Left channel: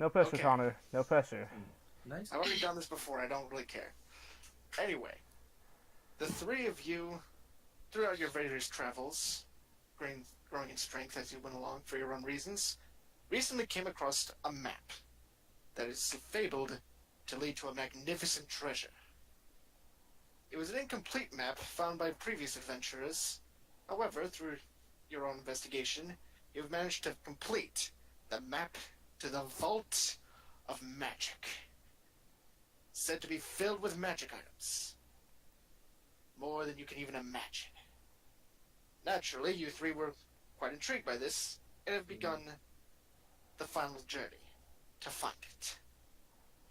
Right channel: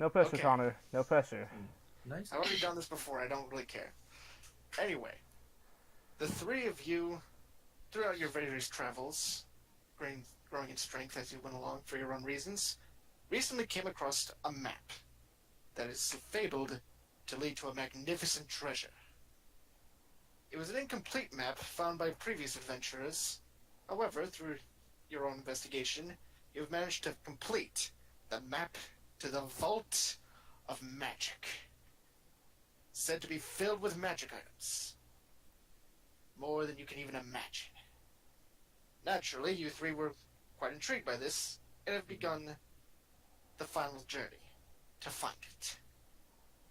No pressure, Okay. Connor. No pressure. Nice. I've already done this before. I don't really care. Anyway, the three of you, throughout your various travels, growing in strength as you went along for your own reasons, recently came across a map that is fabled to lead to a magnificent treasure. It was an incomplete map found by previous adventurers. However, through your own investigation, you've managed to complete the map to the Vault of Magic, said to be filled with magic items. More than you can even imagine. Naturally, you three were quite intrigued by this and have begun the final journey to find it.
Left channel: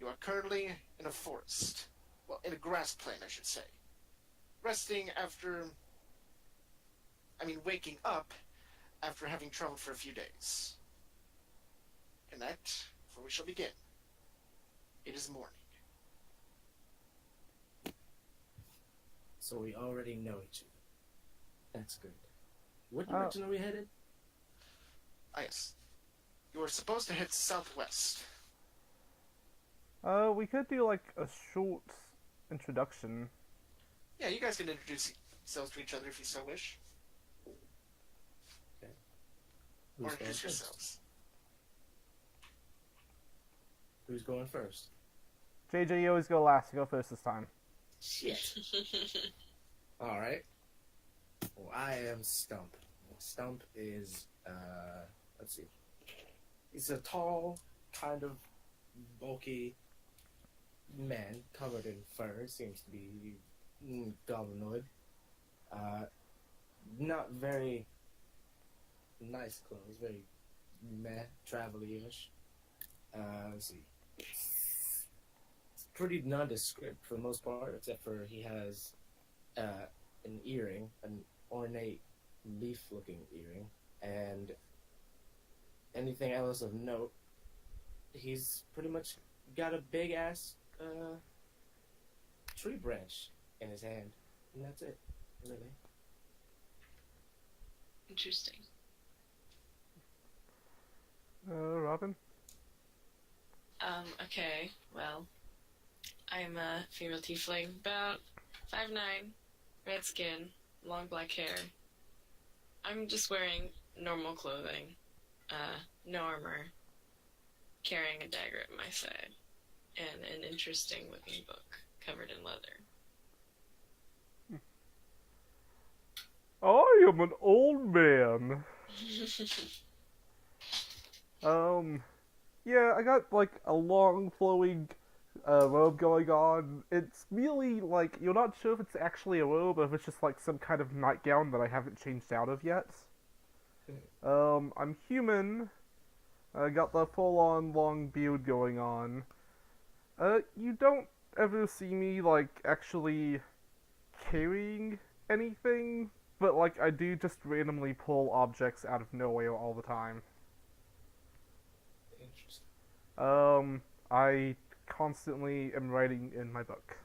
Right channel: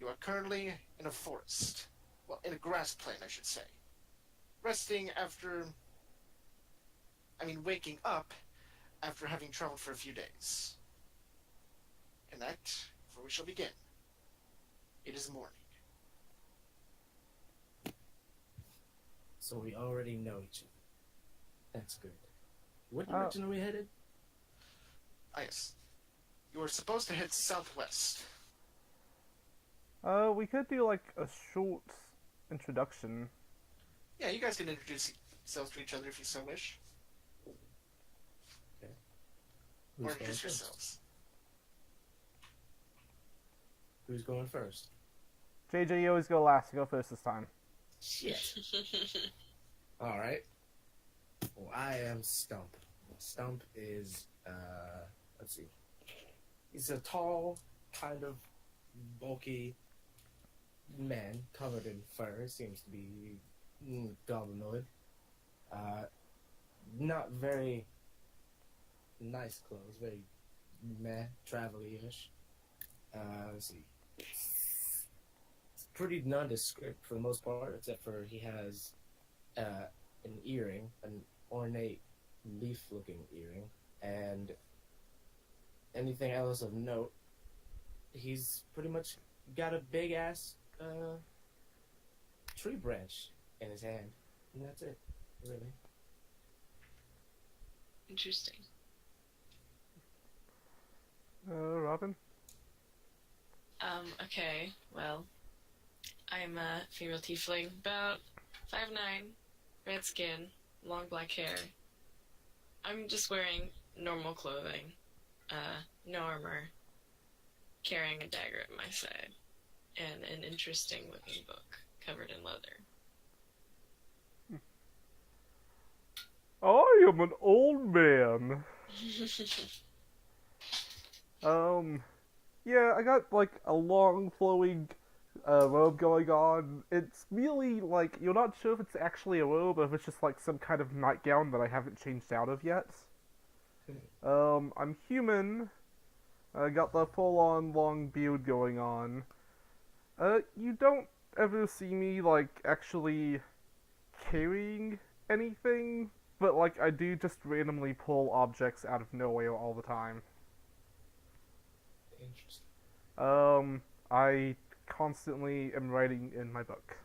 You are currently in a forest. Well, in a grass plain, I should say. Resting after. Waking up after having traveled for a few days. And that is where we shall begin. It is morning. So we already know each other. That's good. What direction are we headed? Ah, yes. You are supposed to head southwest. We could do like a short introduction. Yeah, you guys can introduce yourselves to each other if you so wish. Okay. Or Who's going introduce first? yourselves. Who's going first? JJ, you always go last. You go first this time. Shit. Alright. Well, I am Stump. Stump is, let's see. He's a tall, kind of bulky man covered in fur. Seems to be goblinoid. Not very nice clothes. Very meh, travel-y-ish. Let's see. It's pretty nondescript for the most part, except for he has an earring, an ornate leaf-looking earring, and anything else of note, he's pretty much got a big-ass tree branch in his hand, and that's it, really. Interesting. Robin? Okay, well, I am a female tiefling, about 5'9", red skin, long black hair. I'm just wearing normal clothing, no armor, carrying a dagger at my side, and an interesting looking book covered in leather. I am an old man. Yeah, I got like a long flowing robe going on. It's really like you're not sure if it's actually a robe or if it's just like some kind of nightgown that I haven't changed out of yet. I'm human. I got the full-on long beard going on. You don't ever see me like actually carrying anything, but like I do just randomly pull objects out of nowhere all the time. Interesting. I constantly am writing in my book.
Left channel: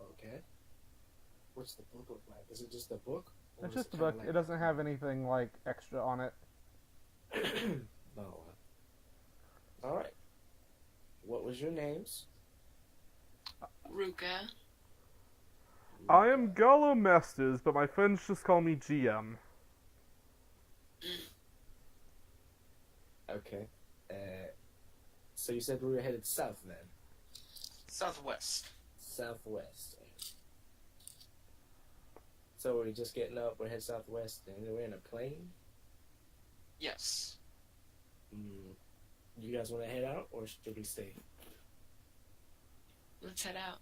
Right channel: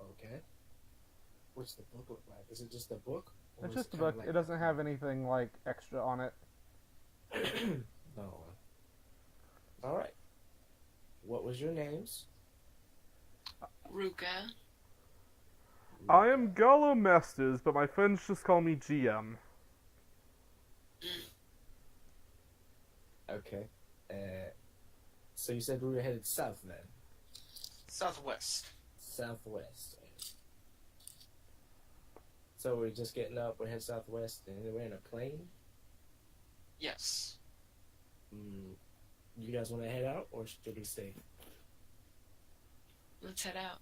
Okay. What's the book look like? Is it just a book? Or It's is just a kinda book. It doesn't have anything like extra on it. Oh. Alright. What was your names? Ruka. I am Gollum Masters, but my friends just call me GM. Okay. So you said we were headed south then? Southwest. Southwest. So we're just getting up, we're heading southwest, and we're in a plane? Yes. You guys want to head out, or should we stay? Let's head out.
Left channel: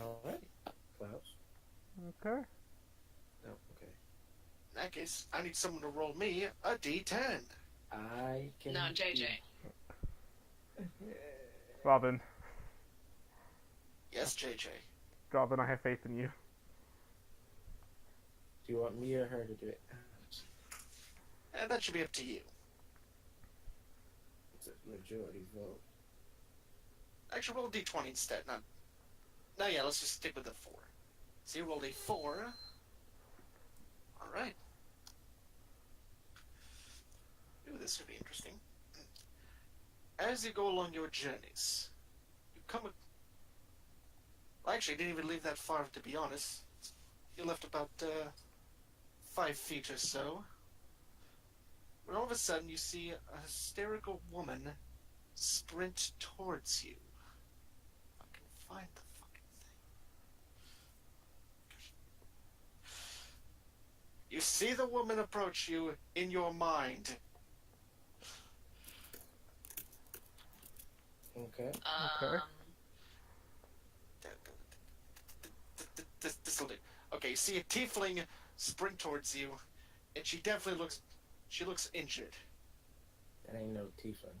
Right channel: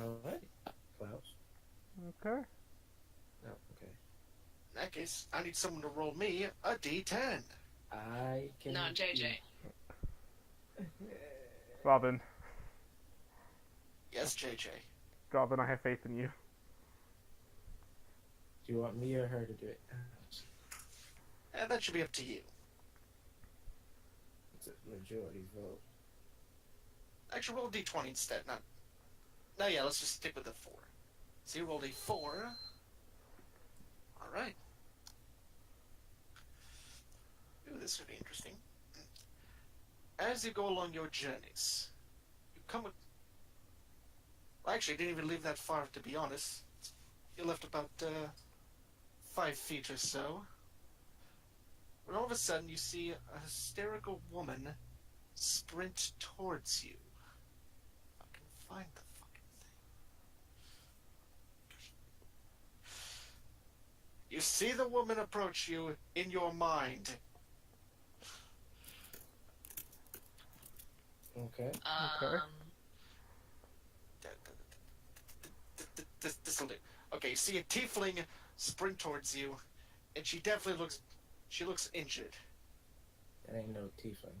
Alright. Klaus? Okay. No, okay. In that case, I need someone to roll me a d10. I can... Not JJ. Robin. Yes, JJ. Robin, I have faith in you. Do you want me or her to do it? And that should be up to you. It's a majority vote. Actually, roll a d20 instead. No, yeah, let's just stick with the 4. So you rolled a 4. Alright. Ooh, this would be interesting. as you go along your journeys, you come. Well, actually, you didn't even leave that far, to be honest. You left about 5 feet or so. When all of a sudden, you see a hysterical woman sprint towards you. I can find the fucking thing. You see the woman approach you in your mind. Okay. Okay. This'll do. Okay, you see a tiefling sprint towards you, and she definitely looks injured. That ain't no tiefling.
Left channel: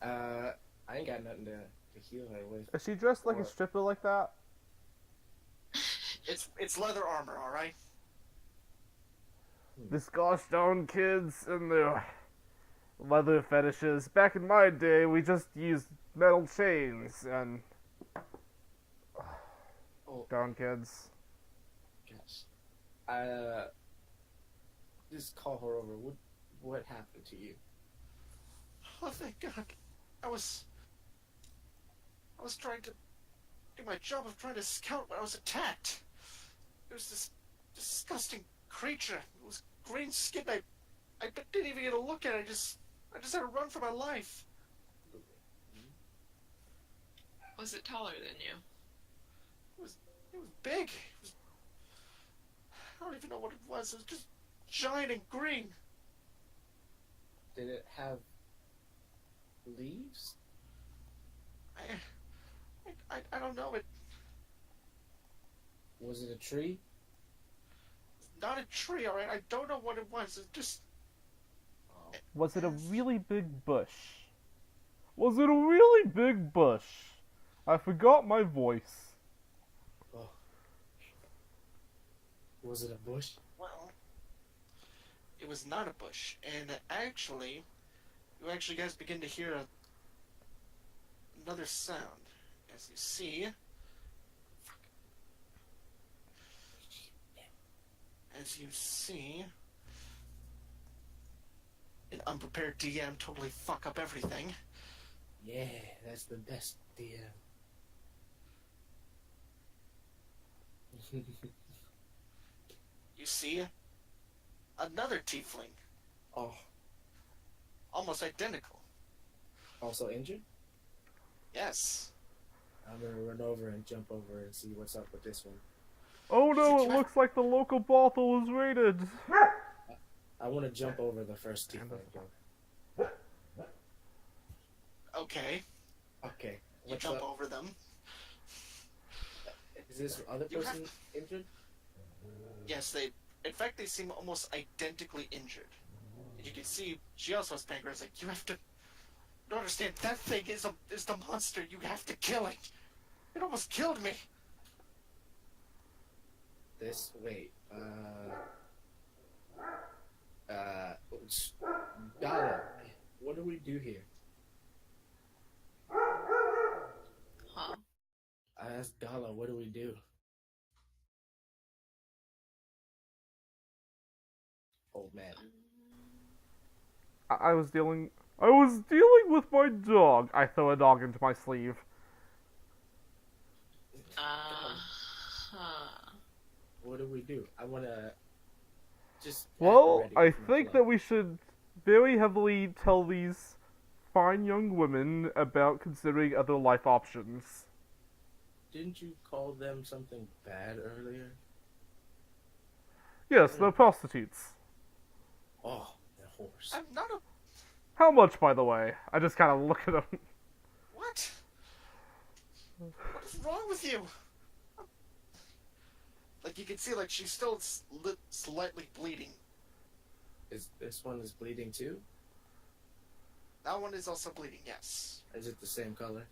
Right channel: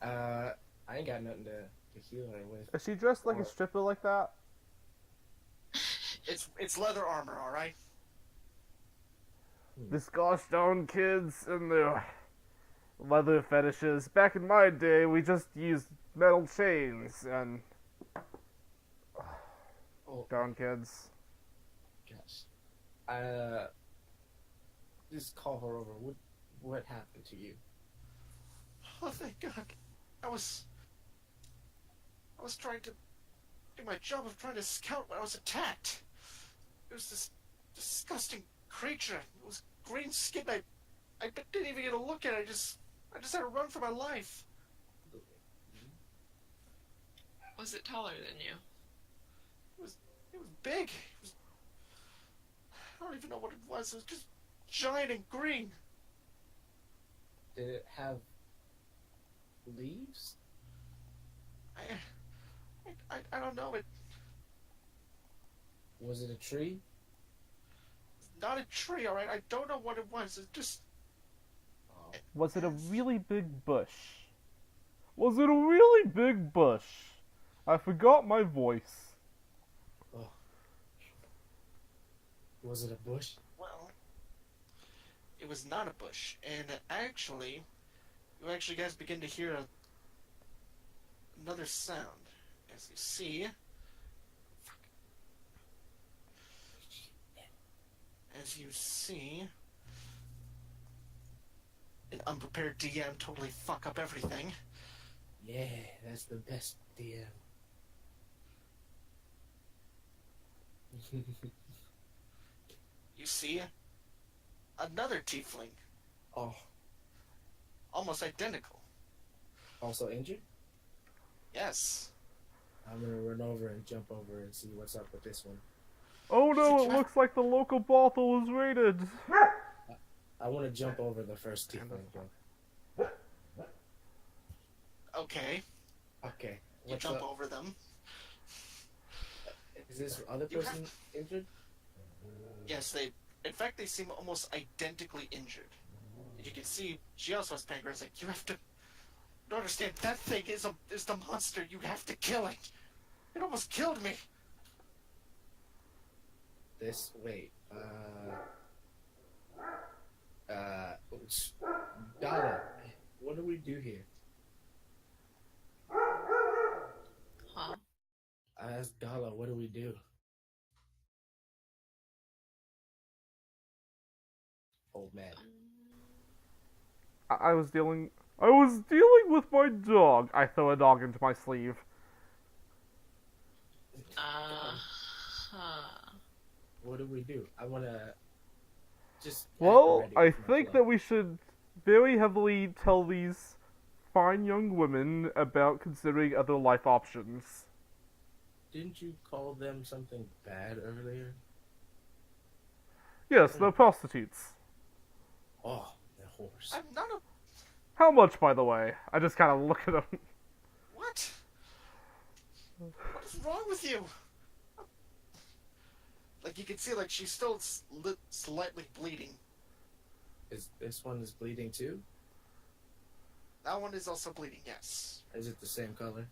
I ain't got nothing to heal her with. Is she dressed like a stripper like that? It's leather armor, all right. This gosh darn kids and their leather fetishes. Back in my day, we just used metal chains and Oh, darn kids. gosh. Just call her over. What happened to you? Oh, thank God. I was trying to do my job of trying to scout when I was attacked. It was this disgusting creature. It was green skin. I didn't even get a look at it. I just had to run for my life. Was it taller than you? It was big. I don't even know what it was. It was just giant and green. Did it have leaves? I don't know. It Was it a tree? not a tree, all right. I don't know what it was. It just Was it a really big bush? Was it a really big bush? I forgot my voice. Oh. Was it a bush? well, it was not a bush, and actually, you actually guys begin to hear another sound as you see. As you see, an unprepared DM totally fuck up everything. Yeah, that's the best DM. You see another tiefling, Oh, almost identical. also injured? Yes. I'm gonna run over and jump over and see what's up with this one. Oh no, it looks like the local brothel is raided. I want to jump over the first tiefling again. Okay. Okay. You What's jump up? over them. Is this other You person have- injured? Yes, in fact, they seem almost identically injured. You can see she also has pancreas. Like, you have to. You don't understand. That thing is the monster. You have to kill it. It almost killed me. This wait. Donna, what do we do here? Huh? I asked Dala, what do we do? Old man. I was dealing with my dog. I throw a dog into my sleeve. Huh. What do we do? I wanna just. Well, I think that we should very heavily tell these fine young women about considering other life options. Didn't you call them something bad earlier? Yes, they're prostitutes. Oh, the horse. I'm not a. How much, by the way? I just kind of look at them. What? What is wrong with you? Like, you can see, like, she's still slightly bleeding. Is this one is bleeding too? That one is also bleeding, yes. Is it the same color?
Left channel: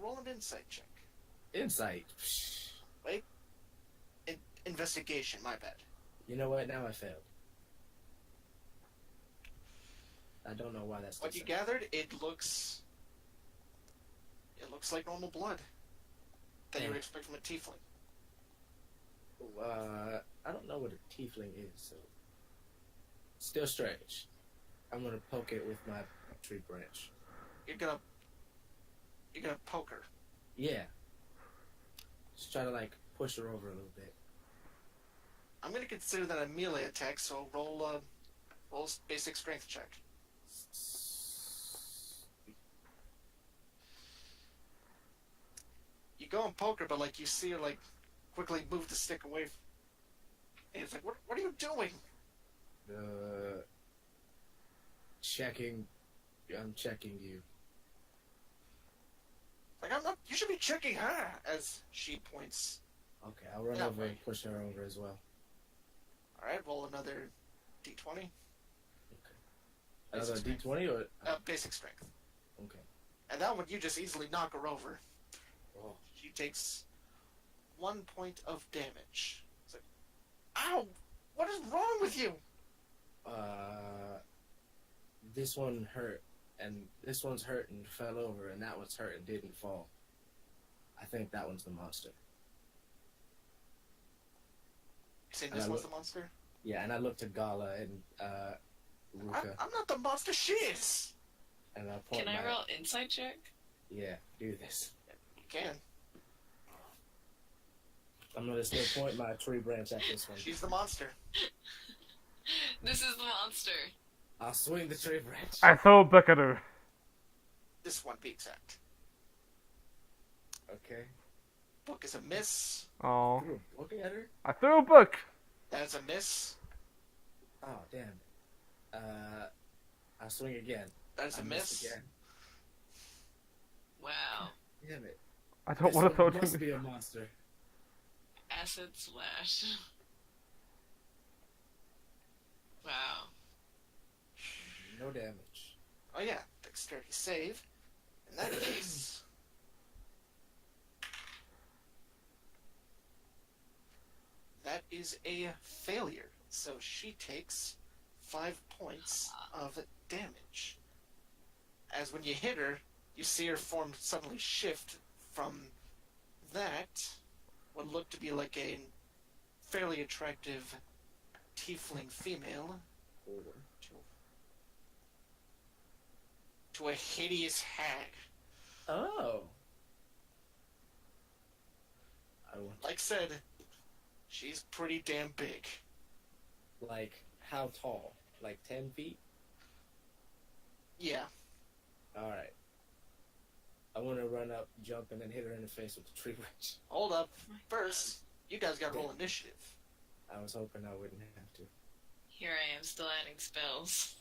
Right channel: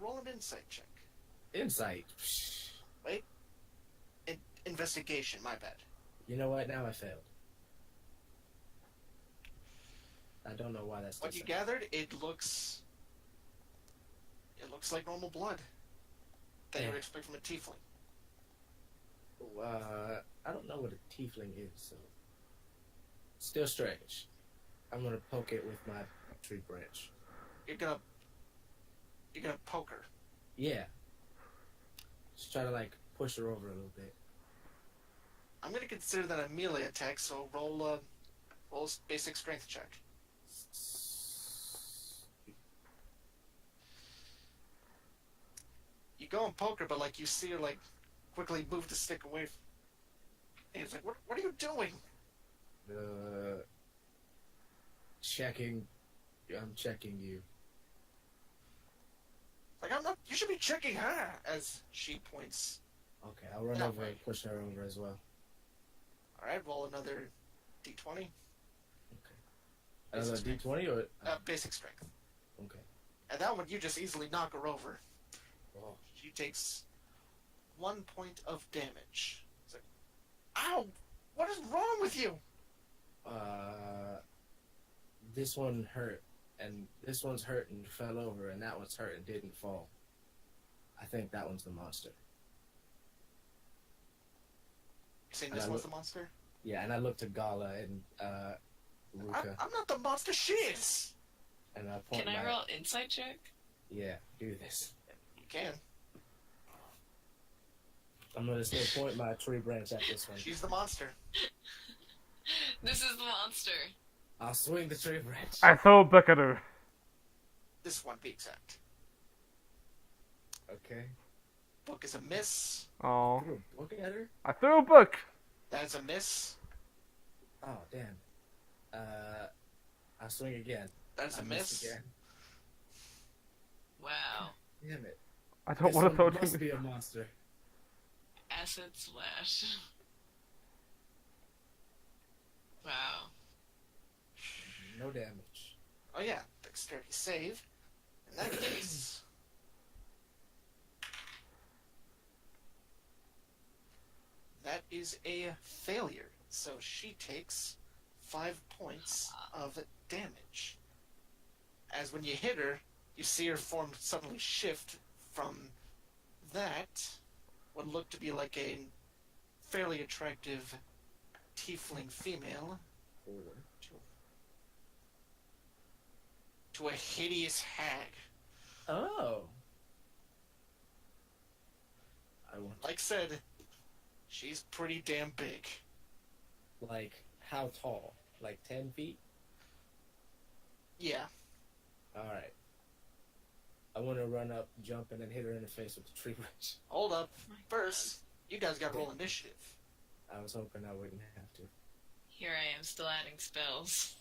Roll an insight check. Insight. Wait. Investigation, my bad. You know what? Now I failed. I don't know why that's. What you different. gathered, it looks like normal blood that you would expect from a tiefling. I don't know what a tiefling is, so still strange. I'm gonna poke it with my tree branch. You're gonna poke her. Yeah. Just try to like push her over a little bit. I'm gonna consider that a melee attack, so roll basic strength check. You go and poke her, but like you see her like quickly move the stick away. And it's like, what are you doing? Checking. I'm checking you. Like I'm not. You should be checking her. As she points. Okay, I'll run That over way. and push her over as well. All right, roll another d20. Another Basic D20 or basic strength. okay. And that one you just easily knock her over. Oh. She takes 1 point of damage. It's like, ow! What is wrong with you? This one hurt, and this one's hurt and fell over, and that one's hurt and didn't fall. I think that one's the monster. You saying And this I was look- the monster? Yeah, and I looked to Gala and Ruka, I'm not the monster. She is. and I point Can I my- roll insight check? Yeah, do this. You can. I'm gonna still point my tree branch at this one. She's the monster. This is the monster. I'll swing the tree branch. I throw a book at her. This one be exact. Okay. Book is a miss. Oh, Looking at her. I throw a book. That is a miss. Oh damn. I'll swing again. That is I a missed miss. again. Wow. Damn it. I don't This want to throw one it must to me. be a monster. Acid splash. Wow. No damage. Oh yeah, dexterity save. In that case, that is a failure. So she takes 5 points of damage. As when you hit her, you see her form suddenly shift from that, what looked to be like a fairly attractive tiefling female, to a hideous hag. Oh. I want Like said, she's pretty damn big. like how tall? Like 10 feet? Yeah. Alright. I want to run up, jump, and then hit her in the face with the tree branch. Hold up. Oh my First, you guys gotta roll initiative. I was hoping I wouldn't have to. Here I am still adding spells.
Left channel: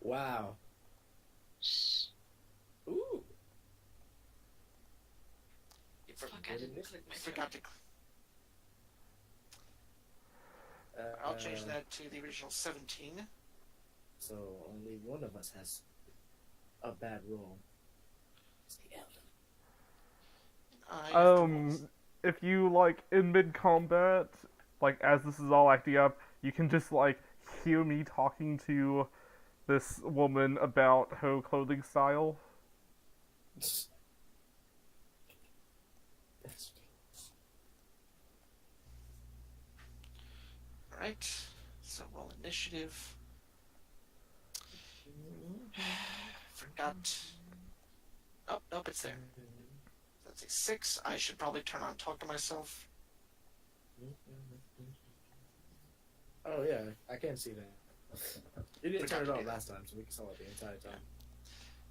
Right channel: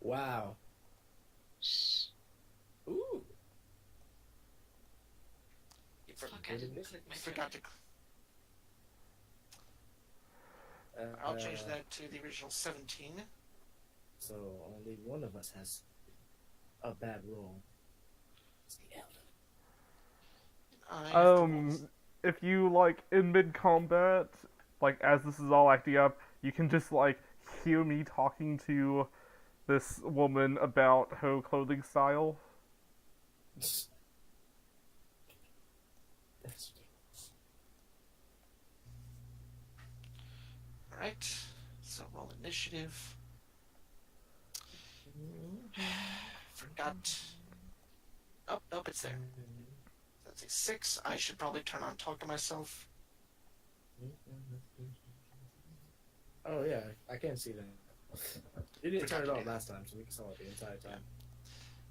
Wow. Shh. Ooh. You Fuck, I didn't click my forgot to. I'll change that to the original 17. So only one of us has a bad roll. It's the elder. I have to roll- If you like in mid combat, like as this is all acting up, you can just like hear me talking to this woman about her clothing style. That's Alright. So roll initiative. Forgot. Oh, nope, it's there. That's a 6. I should probably turn on talk to myself. Oh yeah, I can see that. You didn't turn it Forgot to on do last time, so we saw it the entire time.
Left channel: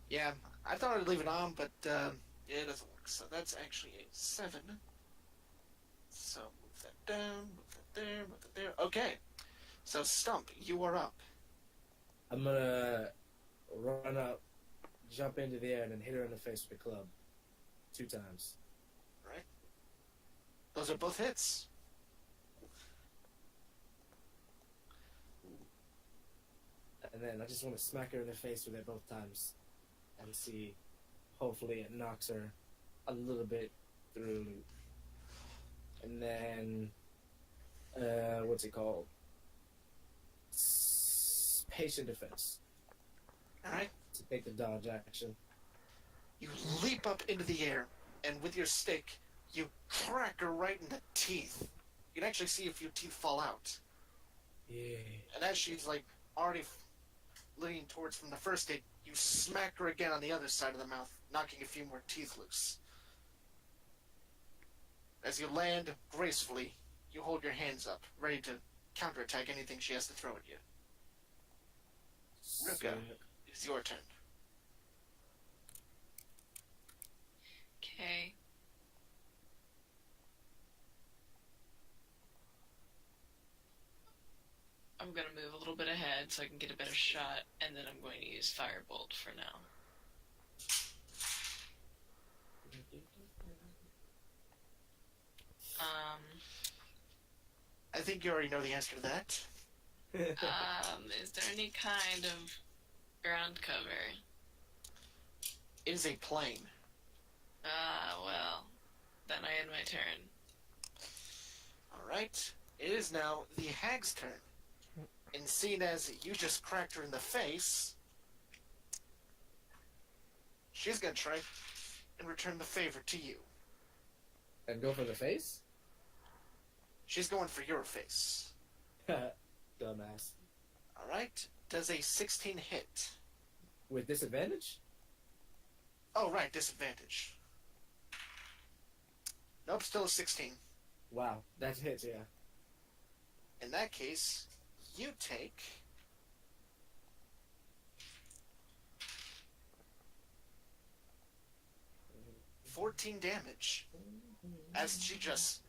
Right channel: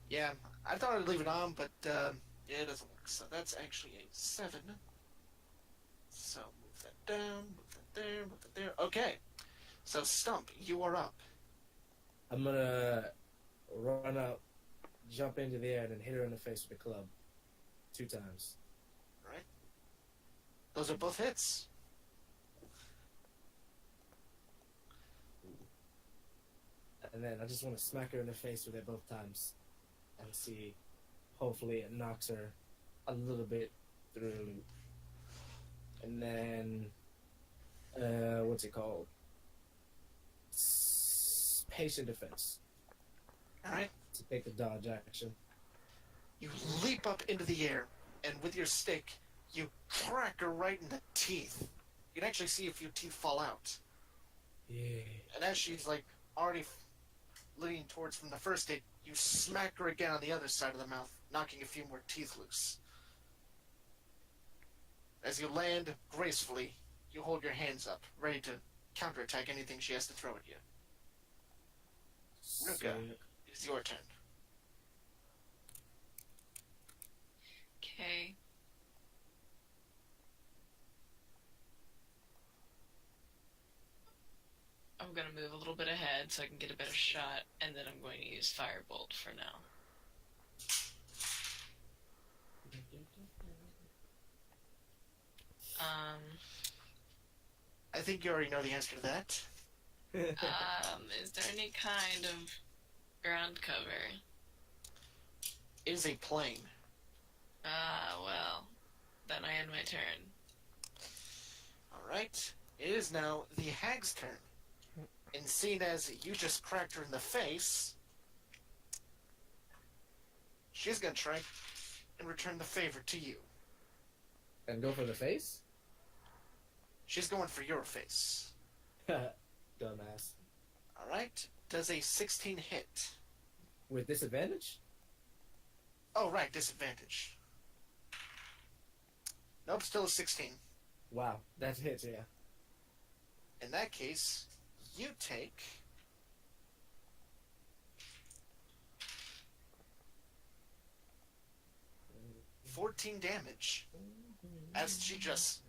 Yeah, I thought I'd leave it on, but yeah, it doesn't work. So that's actually a 7. So move that down, move that there, move that there. Okay. So Stump, you are up. I'm gonna run up, jump into the air, and then hit her in the face with a club 2 times. Those are both hits. And then I just want to smack her in the face with it both times and see, hopefully it knocks her a little bit through. And then, what's it called? Patient defense. Alright. To take the dodge action. You leap up into the air, and with your stick, you crack her right in the teeth. You can actually see a few teeth fall out. Yeah. And as she's like already leaning towards from the first hit, you smack her again on the other side of the mouth, knocking a few more teeth loose. As you land gracefully, you hold your hands up, ready to counterattack anything she has to throw at you. Ruka, it's your turn. Okay. I'm gonna move a little bit ahead so I can get a better shot, and then I'm going to use Firebolt for now. I think you already know the answer to that. Is there any kind of ground cover? It is a plane. Well, then I end my turn. Alright. It is now the hag's turn. And seeing as you just cracked her in the face, she's gonna try and return the favor to you. And go for the face? She's going for your face. Dumbass. Alright. Does a 16 hit? With disadvantage? Oh, right, disadvantage. Nope, still a 16. Wow, that hits, yeah. In that case, you take 14 damage as she just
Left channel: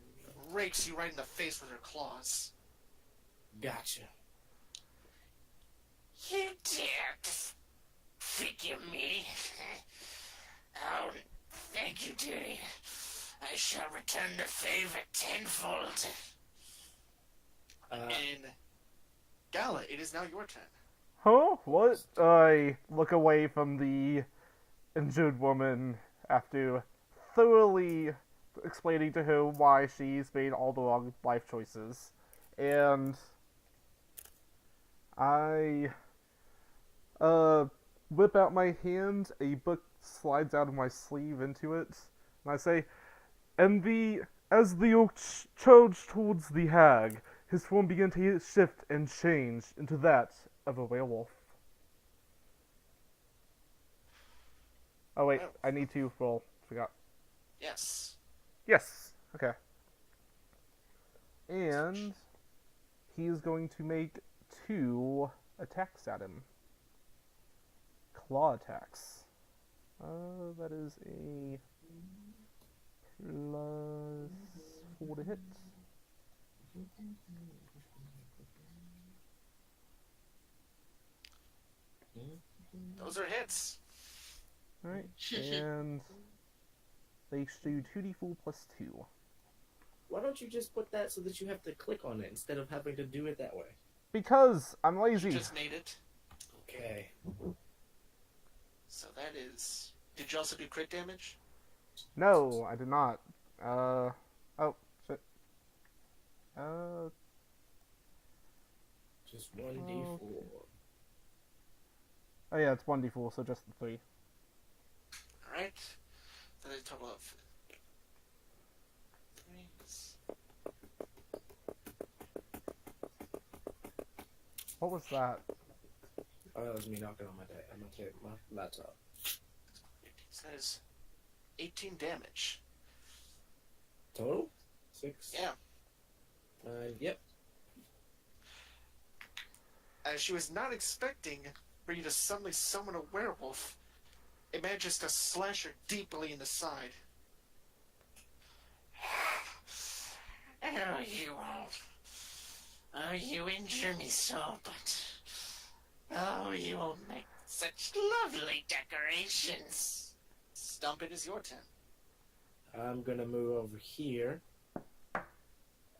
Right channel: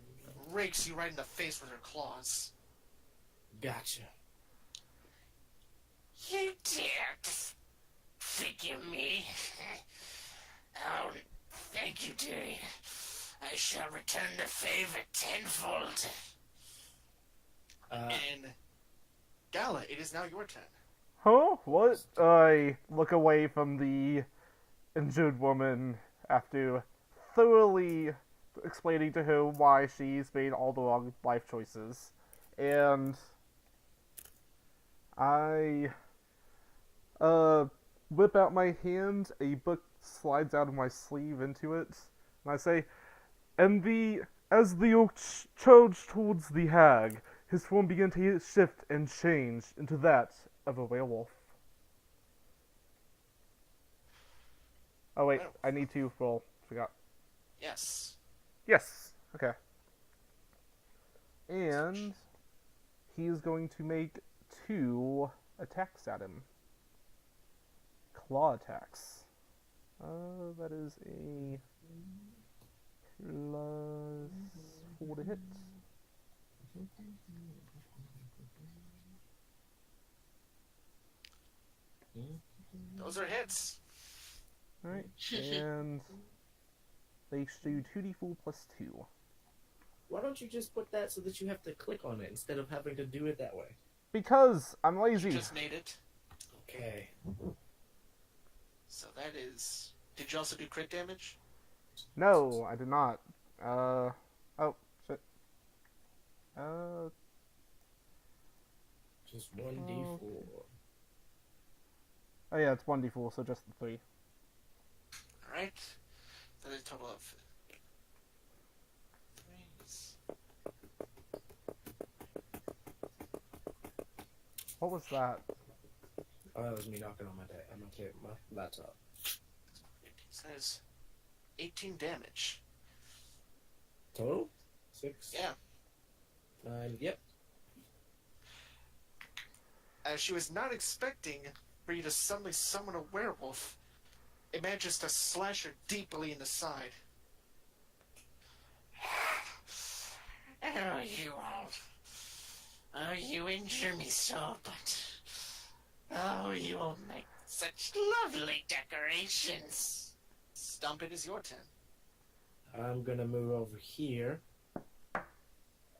rakes you right in the face with her claws. Gotcha. You dared figure me. Oh, thank you, dearie. I shall return the favor tenfold. And Gala, it is now your turn. Huh? What? I look away from the injured woman after thoroughly explaining to her why she's made all the wrong life choices. And I whip out my hand, a book slides out of my sleeve into it, and I say, as the orc charged towards the hag, his form began to shift and change into that of a werewolf. Oh wait, I need to roll. Forgot. Yes. Yes. Okay. And he's going to make 2 attacks at him. Claw attacks. That is a +4 to hit. Those are hits. Alright, and they do 2d4 plus 2. Why don't you just put that so that you have to click on it instead of having to do it that way? Because I'm You lazy. just made it. Okay. So that is... Did you also do crit damage? No, I did not. Oh, shit. Just 1d4. Oh yeah, it's 1d4, so just the 3. Alright. That is a total of... 3. What was that? Oh, that was me knocking on my laptop. So that is 18 damage. Total? 6? Yeah. 9, yep. As she was not expecting for you to suddenly summon a werewolf, it manages to slash her deeply in the side. Oh, you won't. Oh, you injure me so, but... Oh, you will make such lovely decorations. Stump, it is your turn. I'm gonna move over here.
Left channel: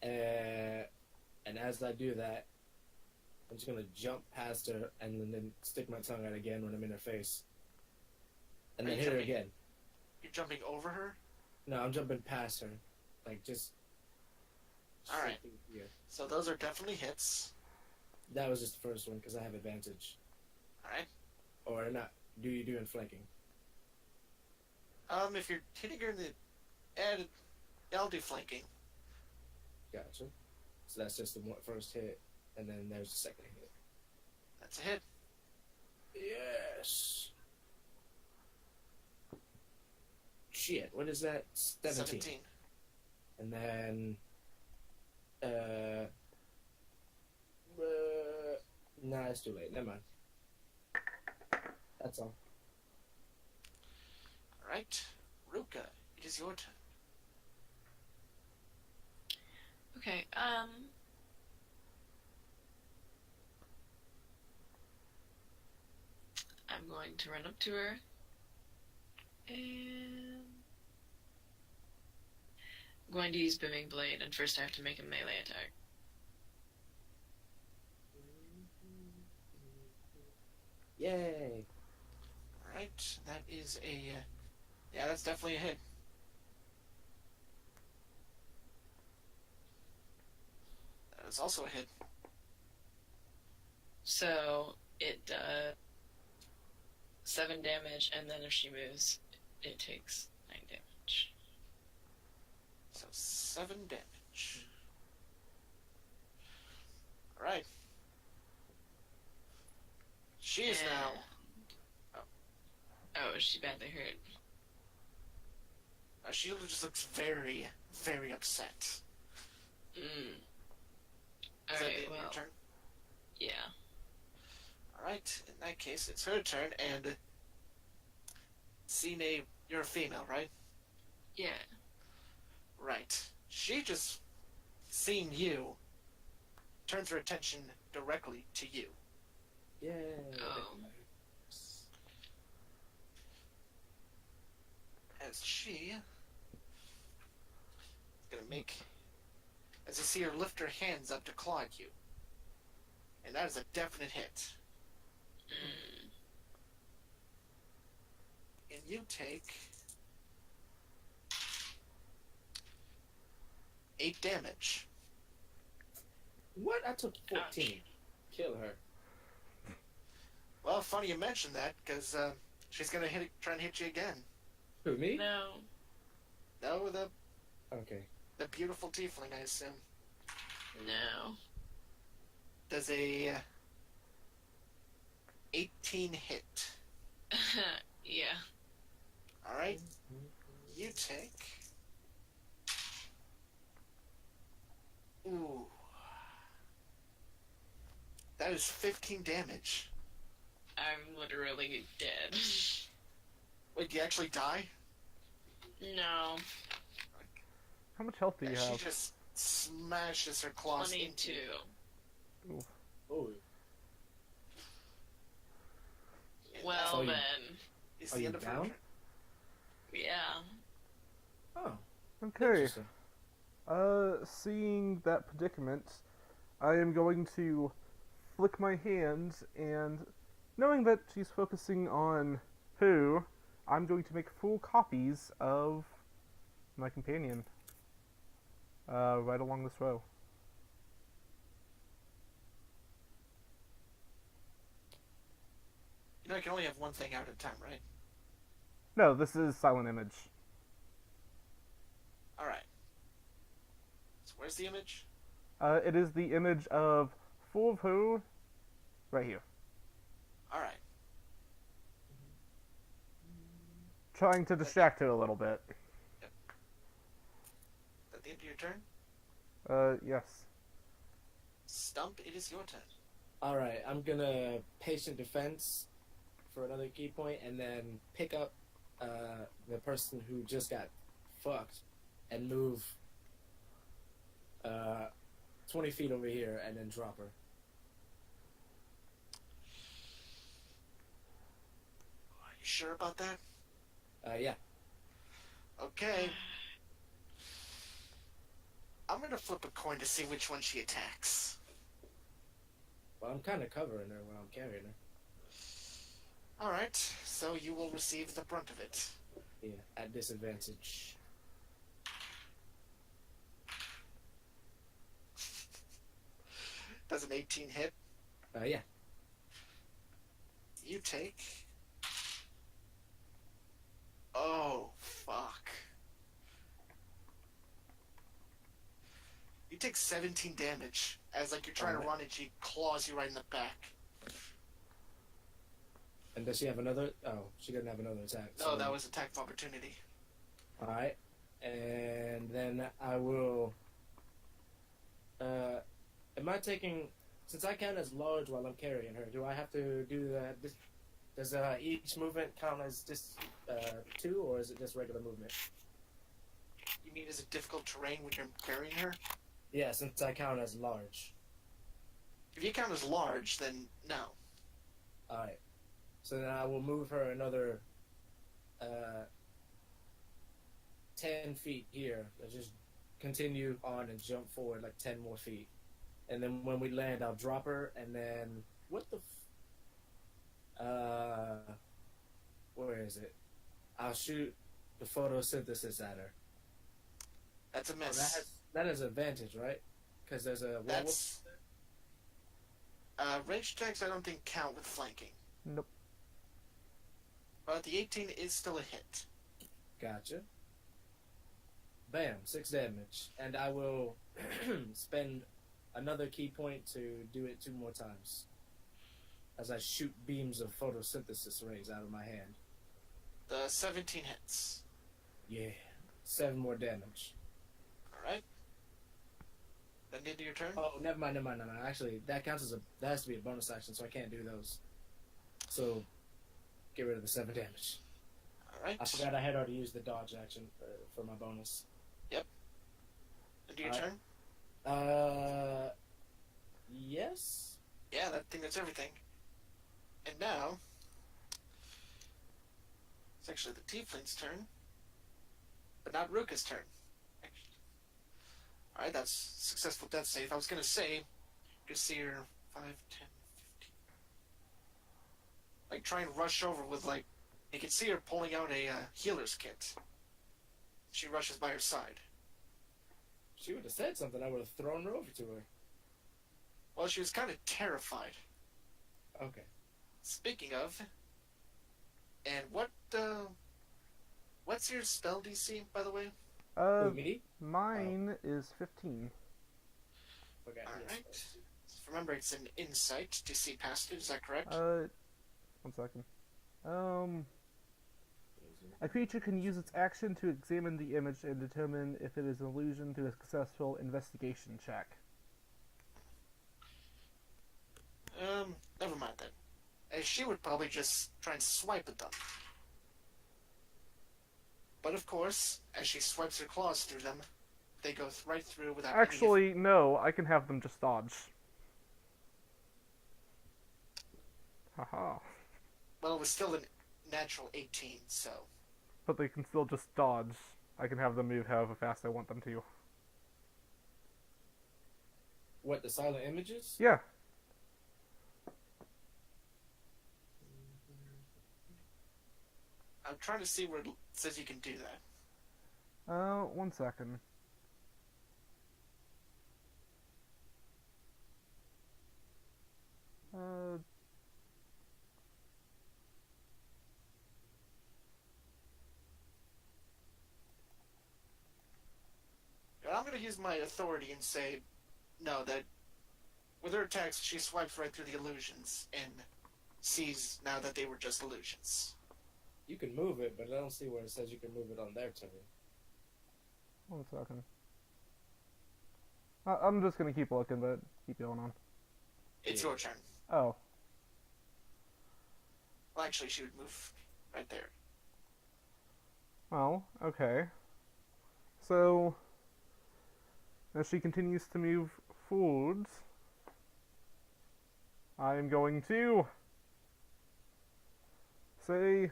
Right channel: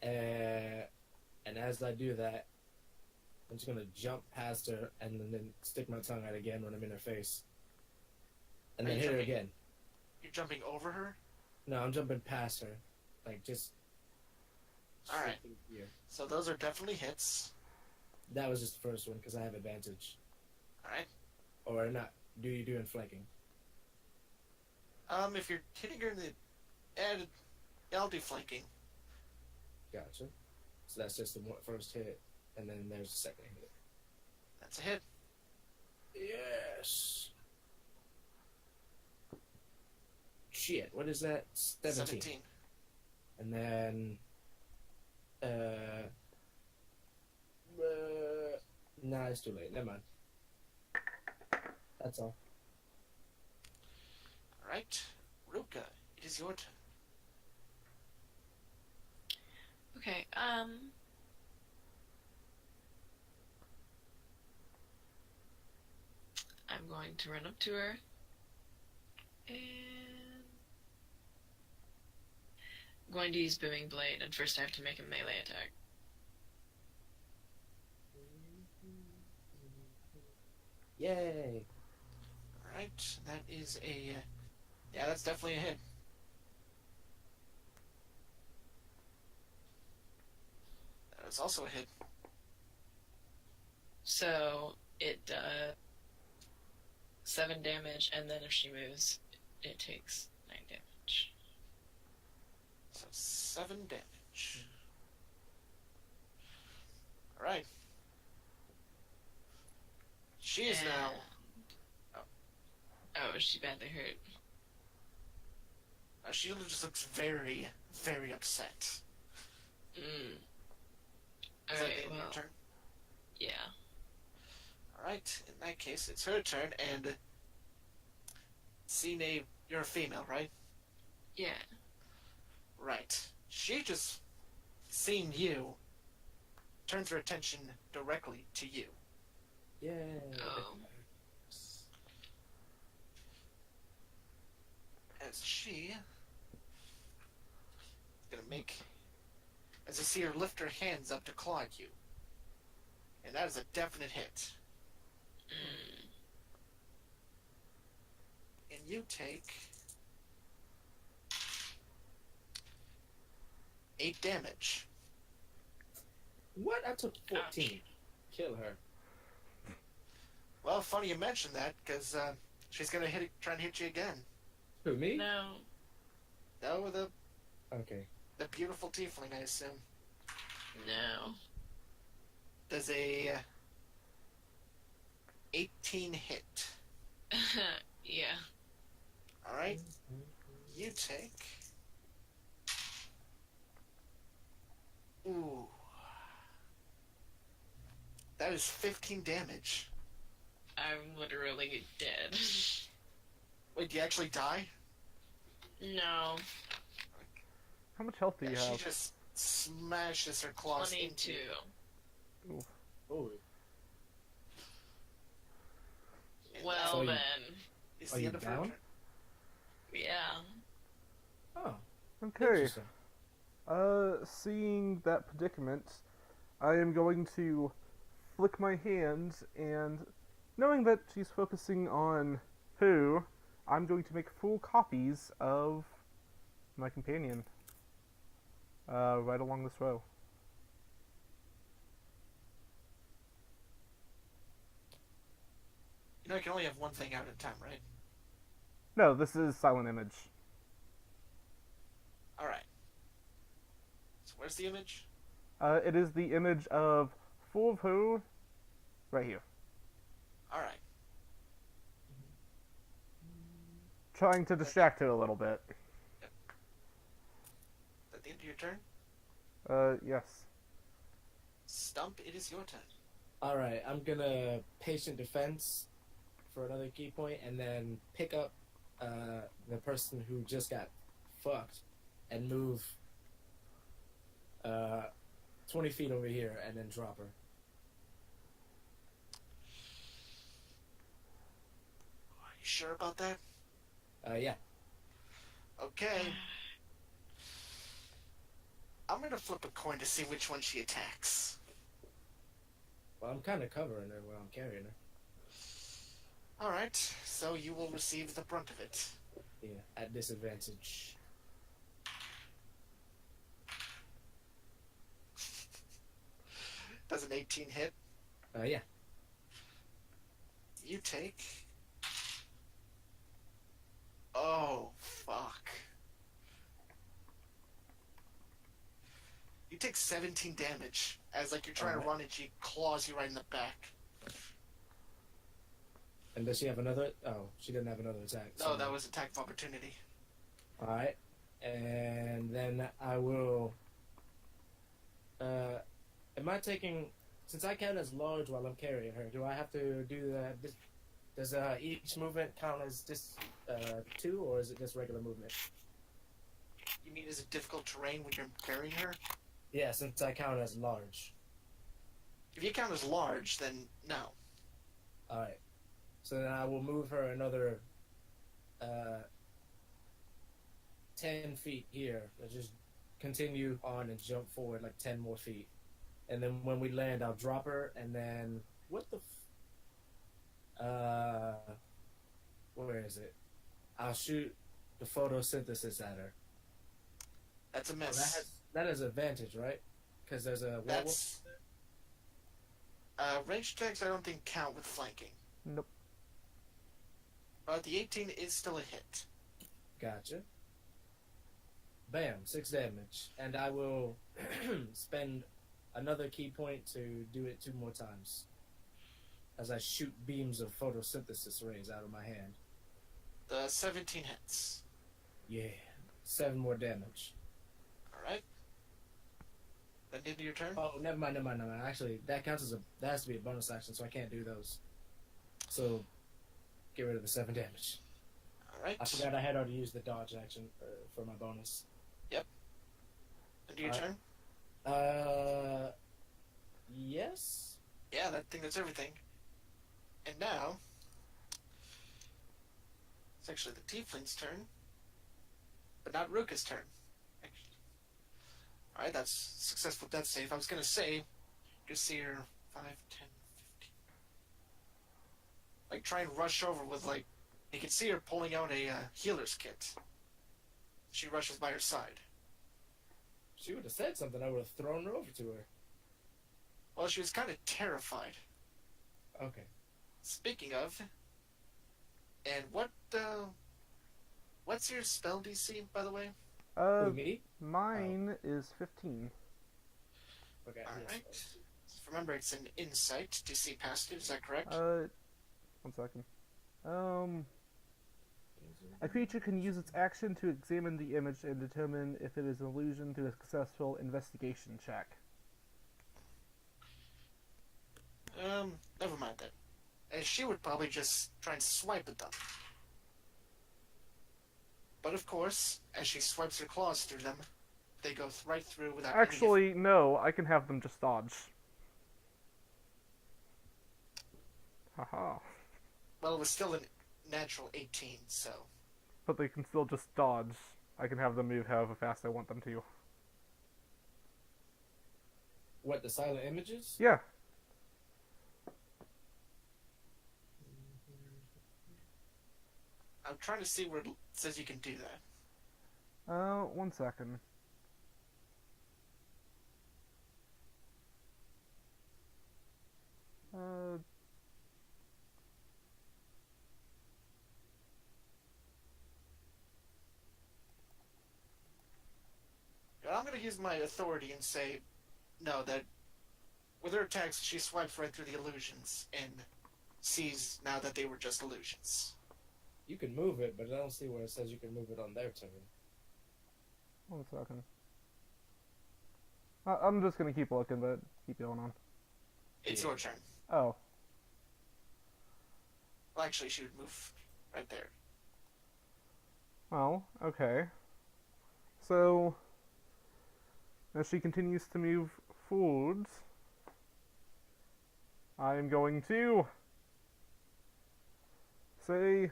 And as I do that, I'm just gonna jump past her and then stick my tongue out again when I'm in her face. And then hit her again. You're jumping over her? No, I'm jumping past her. Like, just... Alright. Yeah. So those are definitely hits. That was just the first one, because I have advantage. Alright. Or not. Do you do in flanking? If you're hitting her in the... I'll do flanking. Gotcha. So that's just the first hit, and then there's the second hit. That's a hit. shit. What is that? 17. 17. And then, nah, it's too late. Never mind. That's all. Alright. Ruka, it is your turn. Okay, I'm going to run up to her and I'm going to use Booming Blade, and first I have to make a melee attack. Yay! Alright, that is a... yeah, that's definitely a hit. That is also a hit. So it does 7 damage, and then if she moves, it takes 9 damage. So 7 damage. Alright. She is now... Oh, is she badly hurt? She just looks very, very upset. Mm. Is that Alright, the end of well, your turn? yeah. Alright, in that case, it's her turn, and... Cine, you're a female, right? Yeah. Right. She just, seeing you, turns her attention directly to you. Yay! Oh. As she is gonna make, as you see her lift her hands up to claw at you, and that is a definite hit. Mm. And you take 8 damage. What? I took 14. Ouch. Kill her. Well, funny you mentioned that, because she's gonna try and hit you again. Who, me? No. No, Okay. the beautiful tiefling, I assume. No. Does a 18 hit. Yeah. Alright, you take... Ooh. That is 15 damage. I'm literally dead. Wait, do you actually die? No. How much health do you And have? she just smashes her claws 22. into you. Oh. And Well, So you- then. that is Are the you end of her down? turn. Yeah. Oh. Okay. Interesting. Seeing that predicament, I am going to flick my hands, and knowing that she's focusing on who, I'm going to make full copies of my companion. Right along this row. You know, you can only have one thing out at a time, right? No, this is silent image. Alright. So where's the image? It is the image of full of who, right here. Alright. Trying to distract her a little bit. Is that the end of your turn? Yes. Stump, it is your turn. Alright, I'm gonna patient defense for another key point and then pick up the person who just got fucked and move 20 feet over here and then drop her. Are you sure about that? Yeah. Okay. I'm gonna flip a coin to see which one she attacks. Well, I'm kind of covering her while I'm carrying her. Alright, so you will receive the brunt of it. Yeah, at disadvantage. Does an 18 hit? Yeah. You take... Oh, fuck. You take 17 damage as, like, you're trying to Alright. run and she claws you right in the back. And does she have another? Oh, she didn't have another attack. No, that was attack of opportunity. All right, and then I will. Am I taking? Since I count as large while I'm carrying her, do I have to do that? Does each movement count as just two, or is it just regular movement? You mean is it difficult terrain when you're carrying her? Yeah, since I count as large. If you count as large, then no. All right. So then I will move her another 10 feet here. Let's just continue on and jump forward like 10 more feet. And then when we land, I'll drop her, and then what the where is it? I'll shoot the photosynthesis at her. That's a Oh, miss. that has advantage, right? Because there's a werewolf. That's range attacks. I don't think count with flanking. Nope. But the 18 is still a hit. Gotcha. Bam, 6 damage. And I will spend another key point to do it 2 more times. As I shoot beams of photosynthesis rays out of my hand. The 17 hits. Yeah. 7 more damage. Alright. Then the end of your turn? Oh, never mind. Actually, that counts as that has to be a bonus action, so I can't do those. So, get rid of the 7 damage. Alright. I forgot I had already used the dodge action for my bonus. End of your turn? Yes? Yeah, that's everything. And now, it's actually the Tiefling's turn, but not Ruka's turn. Alright, that's successful death save. I was gonna say, you see her 5, 10, 15. Like, try and rush over with, like, you can see her pulling out a healer's kit. She rushes by her side. She would have said something, I would have thrown her over to her. Well, she was kind of terrified. Okay. Speaking of, and what's your spell DC, by the way? Who, me? Mine is 15. Okay. Alright. Remember, it's an insight to see past it, is that correct? 1 second. A creature can use its action to examine the image and determine if it is an illusion through a successful investigation check. Never mind then. As she would probably just try and swipe at them. But of course, as she swipes her claws through them, they go right through without Actually, no, I can have them just dodge. Haha. Well, it was still a natural 18, so... But they can still just dodge. I can have them move however fast I want them to. What, the silent images? Yeah. I'm trying to see where it says you can do that. 1 second. I'm going to use my authority and say, no, that with her attacks, she swipes right through the illusions and sees now that they were just illusions. You can move it, but I don't see where it says you can move it on their turn. 1 second. I'm just gonna keep looking, but keep going on. It's your turn. Oh. Well, actually, she would move right there. Well, okay. So, as she continues to move forwards, I am going to say,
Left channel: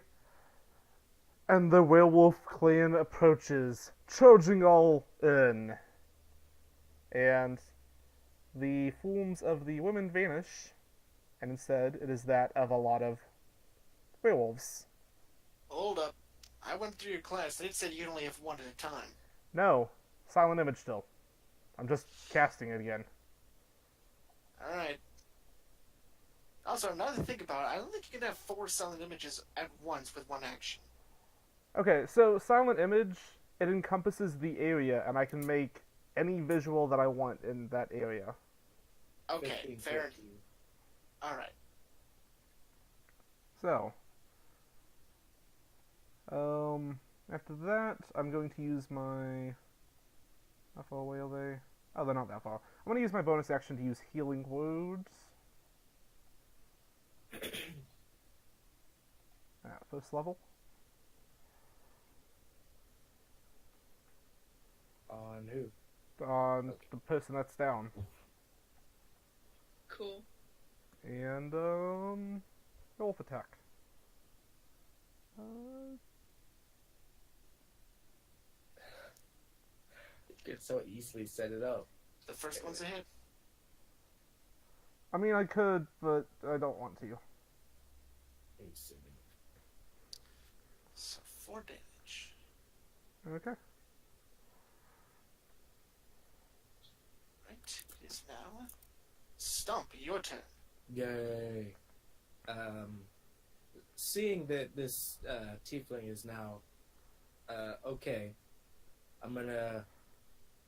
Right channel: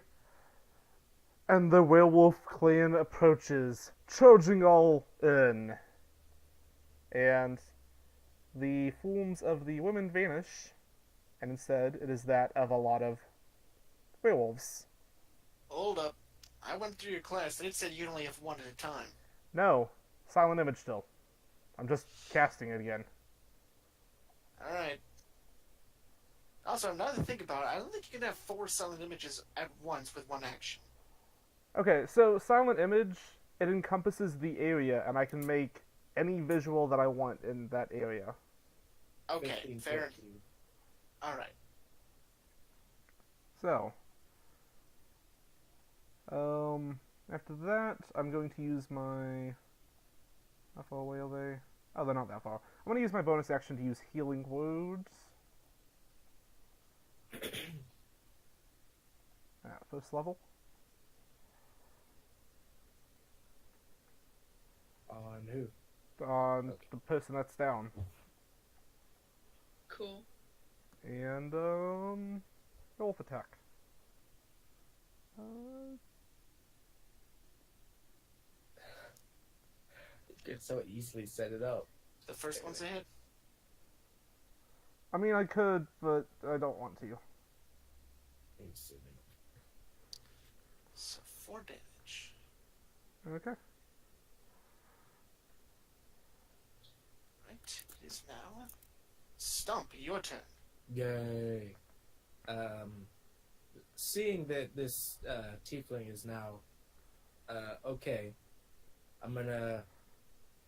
and the werewolf clan approaches, charging all in. And the forms of the women vanish, and instead it is that of a lot of werewolves. Hold up. I went through your class and it said you only have one at a time. No, silent image still. I'm just casting it again. Alright. Also, now that I think about it, I don't think you can have 4 silent images at once with one action. Okay, so silent image, it encompasses the area, and I can make any visual that I want in that area. Okay, 15 fair. foot. Alright. So, After that, I'm going to use my... How far away are they? Oh, they're not that far. I'm going to use my bonus action to use Healing Words. At first level. On who? On Okay. the person that's down. Cool. And, roll for attack. You could so easily set it up. The first one's a hit. I mean, I could, but I don't want to. You silly. So 4 damage. Okay. Right. It is now Stump, your turn. Yay. Seeing that this tiefling is now okay, I'm gonna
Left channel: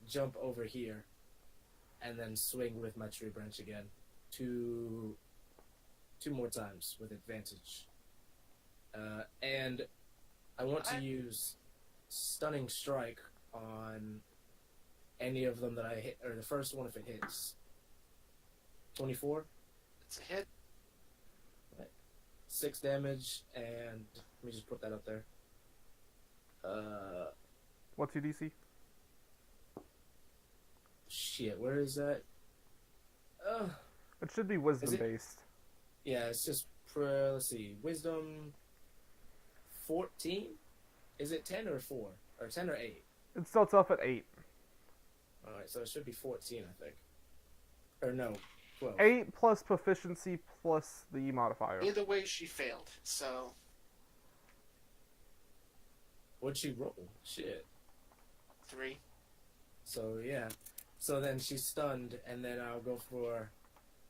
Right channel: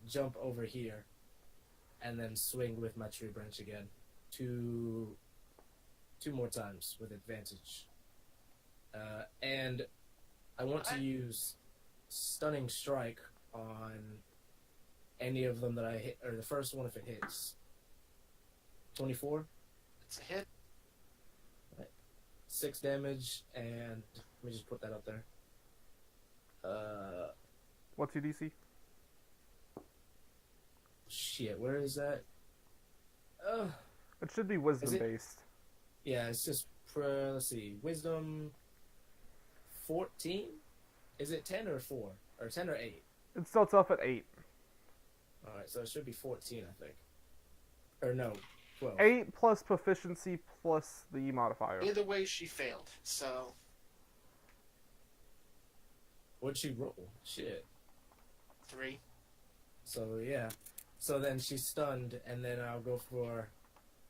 jump over here and then swing with my tree branch again. Two more times with advantage. And I want to use Stunning Strike on any of them that I hit, or the first one if it hits. 24? It's a hit. 6 damage, and let me just put that up there. What's your DC? Shit, where is that? It should be wisdom it- based. Yeah, it's just, let's see, Wisdom 14? Is it 10 or 4? Or 10 or 8? It starts off at 8. Alright, so it should be 14, I think. Or no, 12. 8 plus proficiency plus the modifier. Either way, she failed. So What'd she roll? Shit. 3. So, yeah. So then she's stunned, and then I'll go for...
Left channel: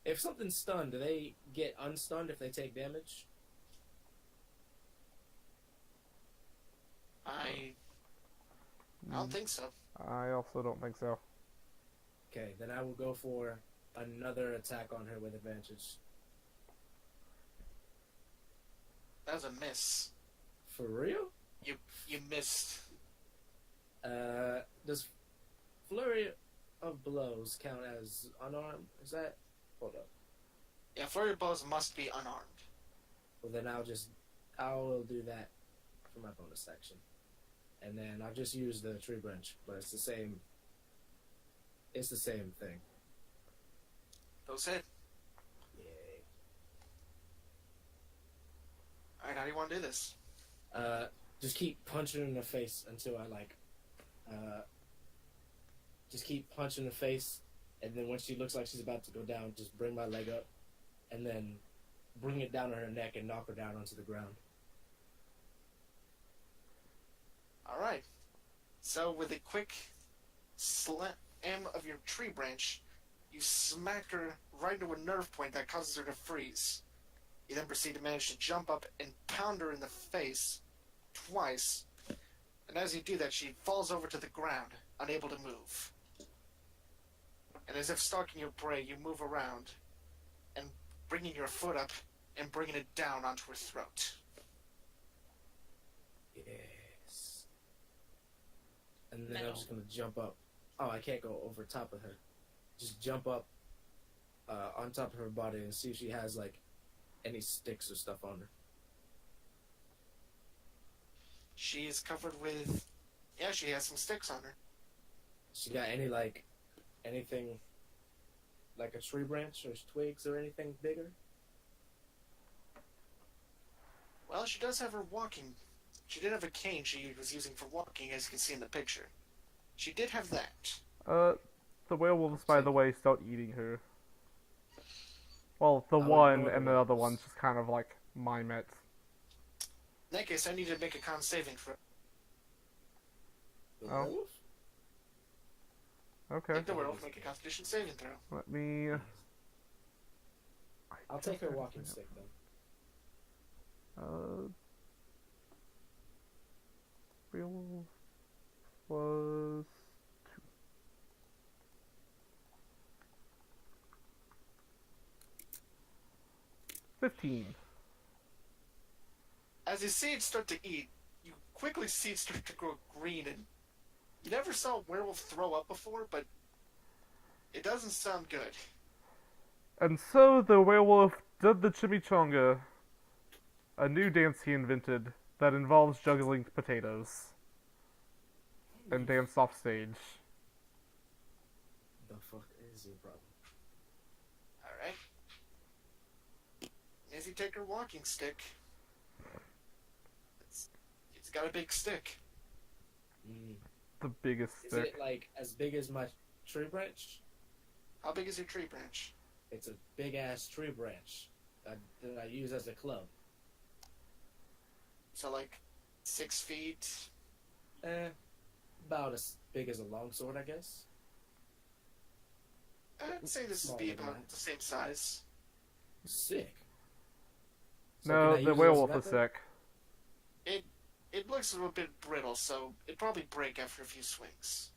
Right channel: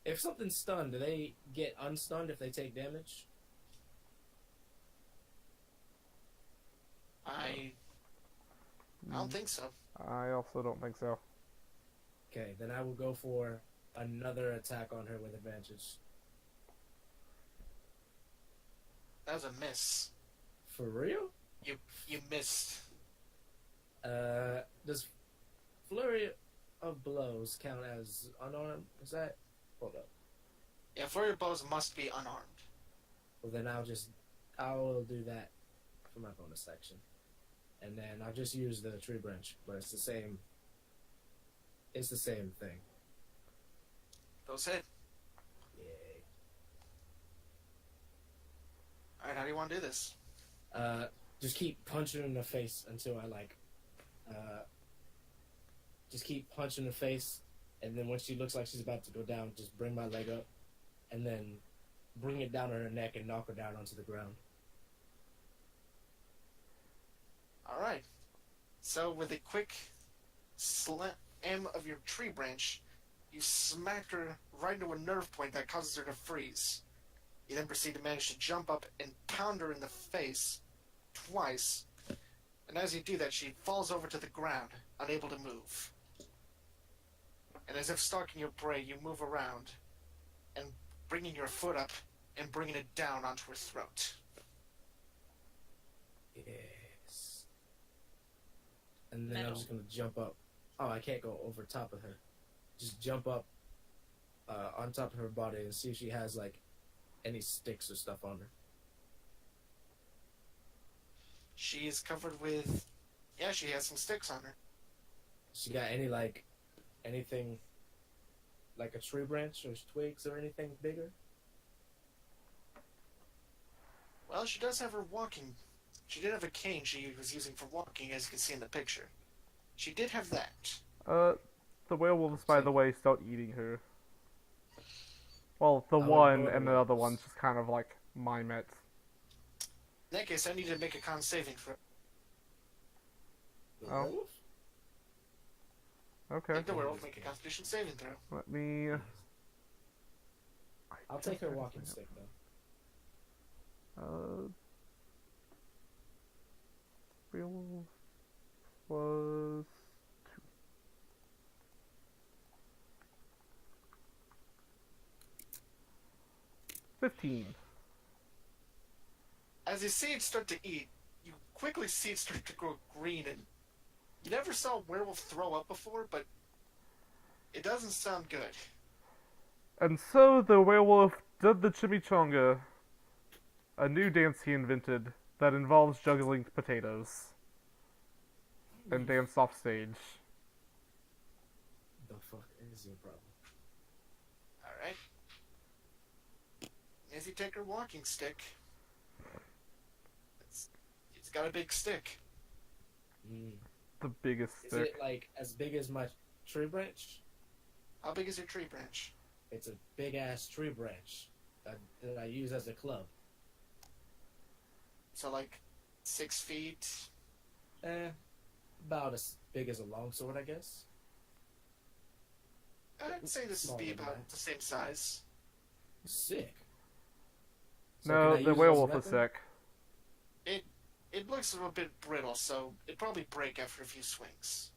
If something's stunned, do they get unstunned if they take damage? I don't think so. I also don't think so. Okay, then I will go for another attack on her with advantage. That was a miss. For real? You missed. Does Flurry of Blows count as unarmed? Is that... Hold up. Yeah, flurry of blows must be unarmed. Well, then I'll do that for my bonus section. And then I'll just use the tree branch, but it's the same thing. Those hit. Yay. Alright, how do you want to do this? Just keep punching her in the face until I just keep punching her face, and then when she looks like she's about to go down, just bring my leg up, and then bring it down on her neck and knock her down onto the ground. Alright. So, with a quick slam of your tree branch, you smack her right into a nerve point that causes her to freeze. You then proceed to manage to jump up and pound her in the face twice. And as you do that, she falls over to the ground, unable to move. And as if stalking your prey, you move around and bringing your foot up and bringing it down onto her throat. Yes. And then Metal. I'm just gonna jump up. Oh, I can't go over top of her. Just jump up on top of her body and see if she has like any sticks or stuff on her. She is covered with... Yeah, she has some sticks on her. She got any like anything like a tree branch or twigs or anything bigger? Well, she does have her walking... She did have a cane she was using for walking, as you can see in the picture. She did have that. The werewolves, by the way, start eating her. Well, the Oh, one and the other werewolves. one's just kind of like mimets. In that case, I need to make a con saving throw. The Oh. wolf? Okay. Make the werewolf make a constitution saving throw. Let me... I'll take her walking stick then. Werewolf was 2. $15. As you see it start to eat, you quickly see it start to grow green, and you never saw a werewolf throw up before, but it doesn't sound good. And so the werewolf did the chimichanga, a new dance he invented that involves juggling potatoes, and danced off stage. The fuck is your problem? Alright. As you take her walking stick, it's got a big stick. The biggest Is stick. it like as big as my tree branch? How big is your tree branch? It's a big ass tree branch that I use as a club. So like 6 feet. About as big as a longsword, I guess. I'd say this would be Smaller than about that. the same size. Sick. So No, can I the use it as a werewolf is weapon? sick. It looks a little bit brittle, so it'd probably break after a few swings.